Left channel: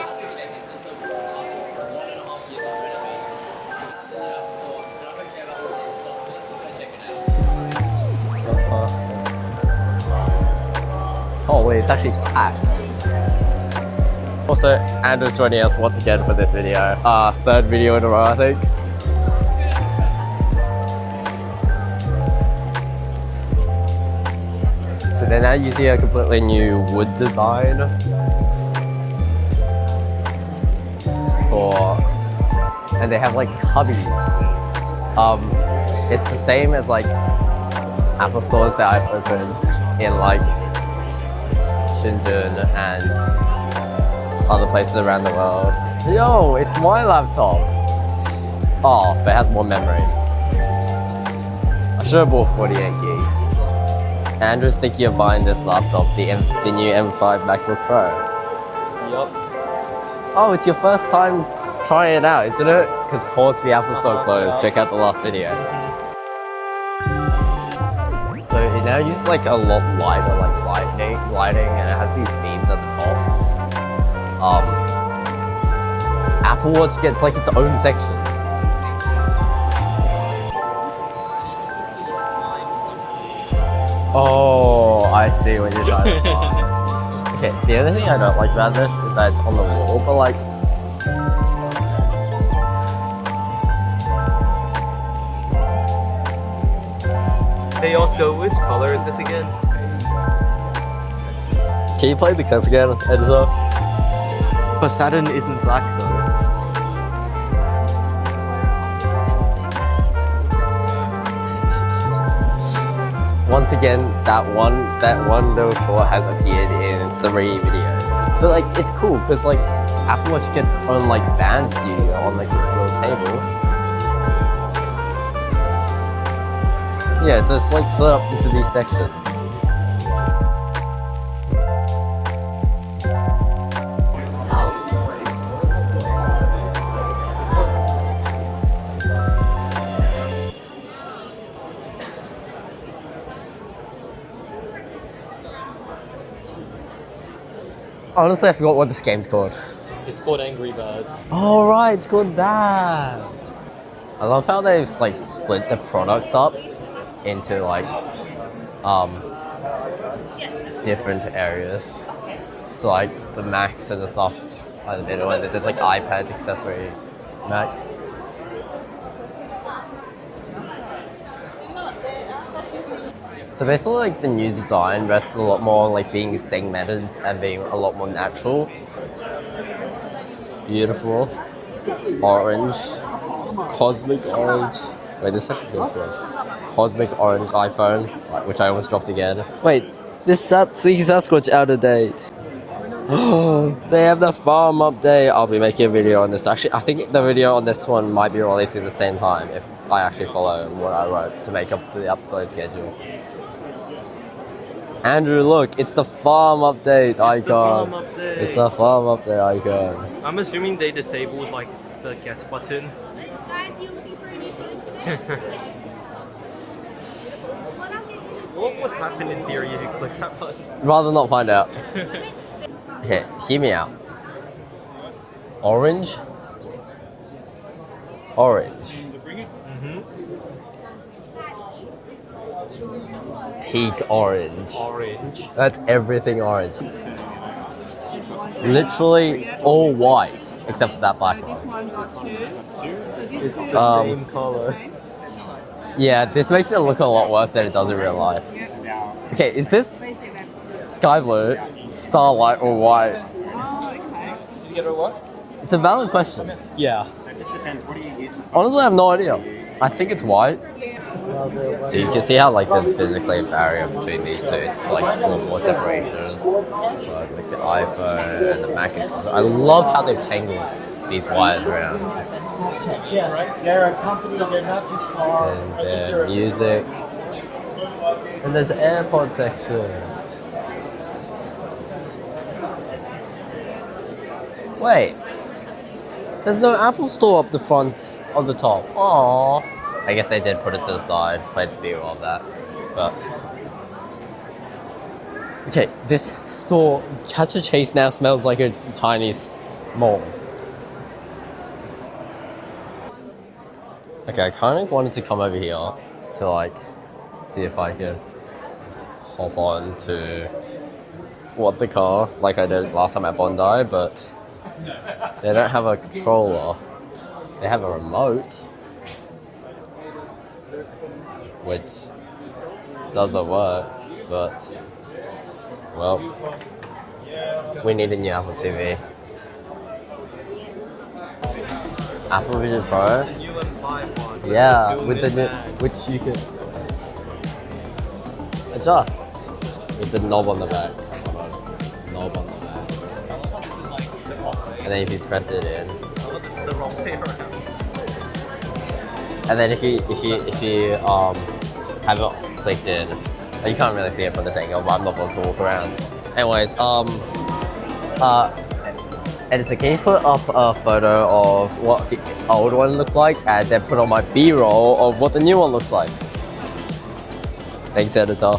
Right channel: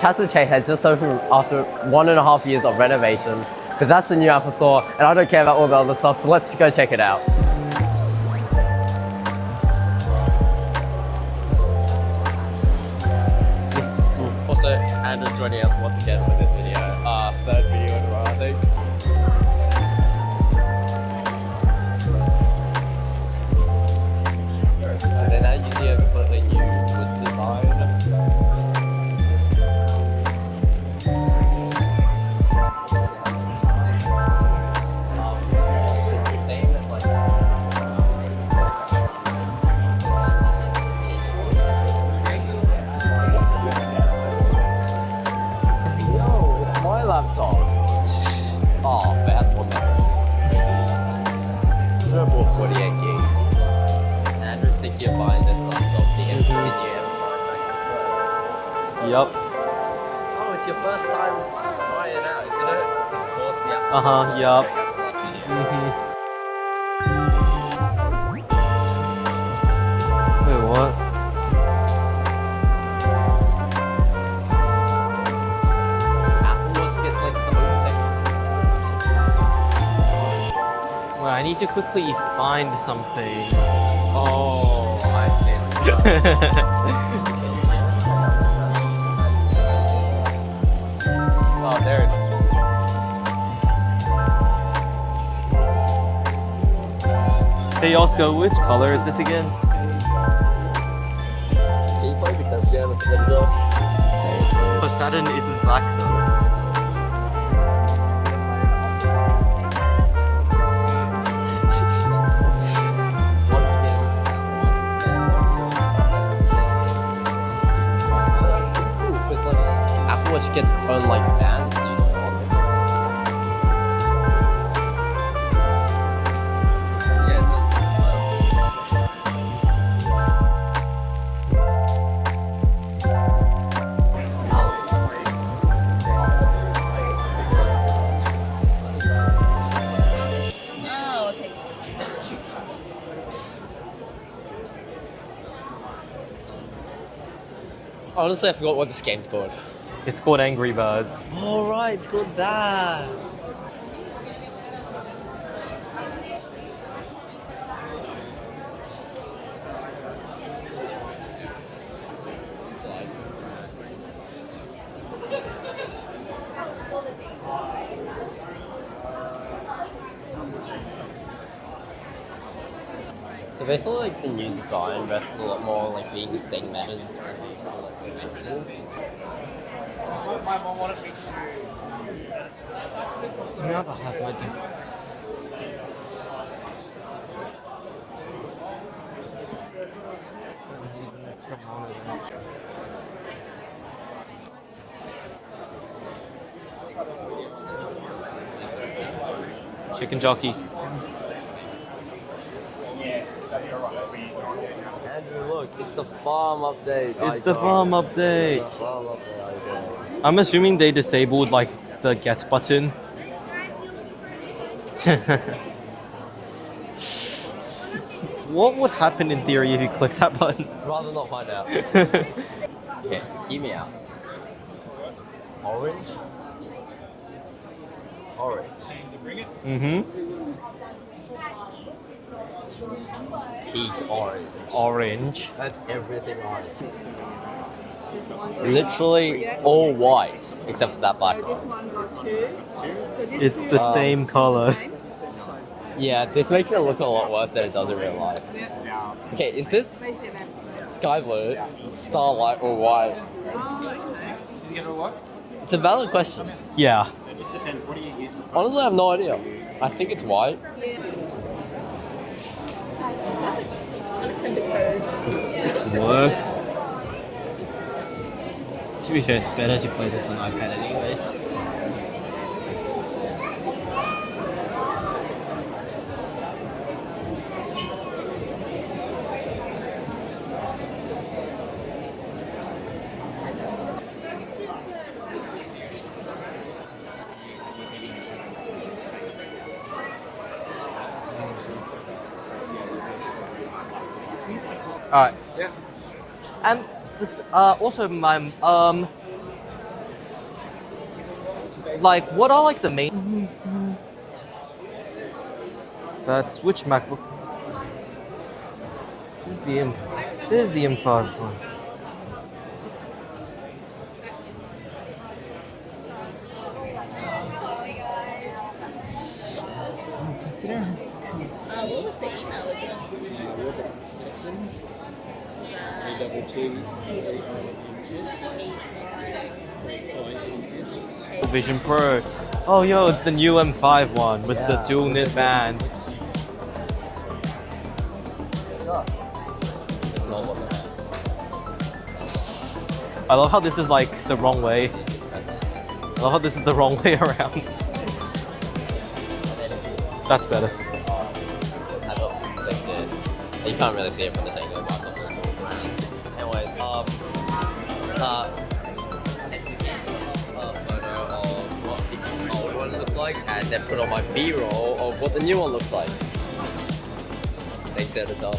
Chatswood Chase had just opened after 1.5 years of renovation, but that's the new Apple Store, and I don't care about all the other stuff, so let's go check it out. Holy, it's actually packed. Also, Andrew's joining us once again for this video. Third video in a row, I think. So they're now using a completely new wood design and they have like cubbies. It's the same as like Apple stores that I've opened in like Shenzhen and other places around the world. Yo, it's my laptop. Oh, but it has more memory. I should have bought 48 gigs. Andrew's thinking of buying this laptop, the new M5 MacBook Pro. Yup. Oh, it's your first time trying it out, isn't it? Because Hornsby Apple Store closed. Yep. Check out the last video. So it now uses like a lot lighter, like lighting, and it has these beams at the top. Apple Watch gets like its own section. Well, I need to quickly find something. Oh, I see what you're doing. Okay, the other thing I don't like about this is that it's on the wall, but like, Oh, there it is. Hey Oscar, which color is this again? can you play the clip again, Editor? But Saturn isn't black though. Once again, that one little short has appeared in 3 videos. But like, it's cool because like Apple Watch gets its own like band studio on like this little table. Yeah, so it's like split up into these sections. Honestly, I forgot what this game's called. It's called Angry Birds. Oh right, it's called that. I love how they've like split the products up into like different areas. So like the Macs and the stuff at the middle, and there's like iPads, accessory Macs. So basically, like the new design rests a lot more like being segmented and being a lot more natural. Beautiful, orange, cosmic orange. Wait, this actually feels good. Cosmic orange iPhone, which I almost dropped again. Wait, this Sasquatch out of date. They have the farm update. I'll be making a video on this. Actually, I think the video on this one might be released at the same time if I actually follow what I wrote to make up for the upload schedule. Andrew, look, it's the farm update icon. It's the farm update. It's the farm update icon. I'm assuming they disabled like the get button. What would happen in theory if you click that button? Rather not find out. Here, hear me out. Orange. Orange. Mm-hmm. Peak orange. Orange. That's everything orange. Literally all white, except for that black one. It's the same color. Yeah, this makes it look a lot worse than it does in real life. Okay, is this sky blue, starlight, or white? Did you get a look? It's a valid question. Yeah. It just depends. What do you use? Honestly, I have no idea. I think it's white. So you can see how like there's physically a barrier between these two. It's like full separation. Like the iPhone and the Mac. I love how they've taken these wires around. Yeah, right. They're a company. They're not far. And their music. And there's an AirPod section. Wait. There's no Apple Store up the front on the top. Aww. I guess they did put it to the side. Played the view of that. But Alright. Okay, this store, Chatswood Chase also, now smells like a man, Chinese mall. Like, what are like the main? Okay, I kind of wanted to come over here That's to like which MacBook? see if I can hop The on M- to There's the M5 one. what the car like I did last time at Bondi, but they don't have a controller. They have a remote, which doesn't work, but well, we need a new Apple TV. Vision Pro. Apple Vision Oh, yo, Pro. it's the new M5 one with Yeah, the dual with the mid new- band. which you can adjust with the knob on the back. Knob on the back. I love how this is like the wrong And way. then if you press it in, I love how this is the wrong way around. and then if you That's better. have it clicked in, you can't really see it from this angle, but I'm not going to walk around. Anyways, editor, can you put up a photo of what the old one looked like, and then put on my B-roll of what the new one looks like? Thanks, editor.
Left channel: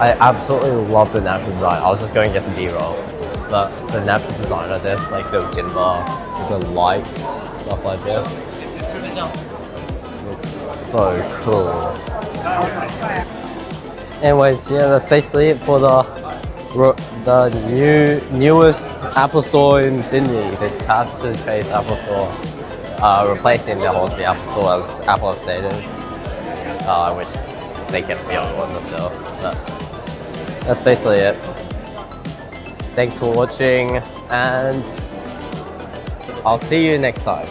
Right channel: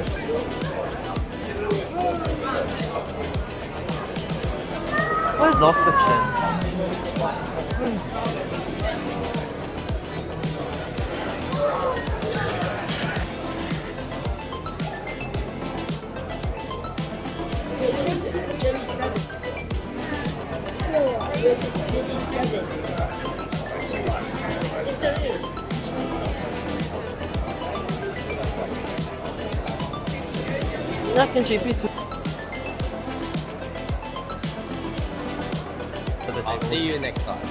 I absolutely love the natural design. I was just going to get some B-roll, but the natural design of this, like the lights, stuff like that, it's so cool. Anyways, yeah, that's basically it for the newest Apple Store in Sydney, the Chatswood Chase Apple Store, replacing the old Apple Store as Apple has stated. I wish they kept the old one still, but that's basically it. Thanks for watching, and I'll see you next time.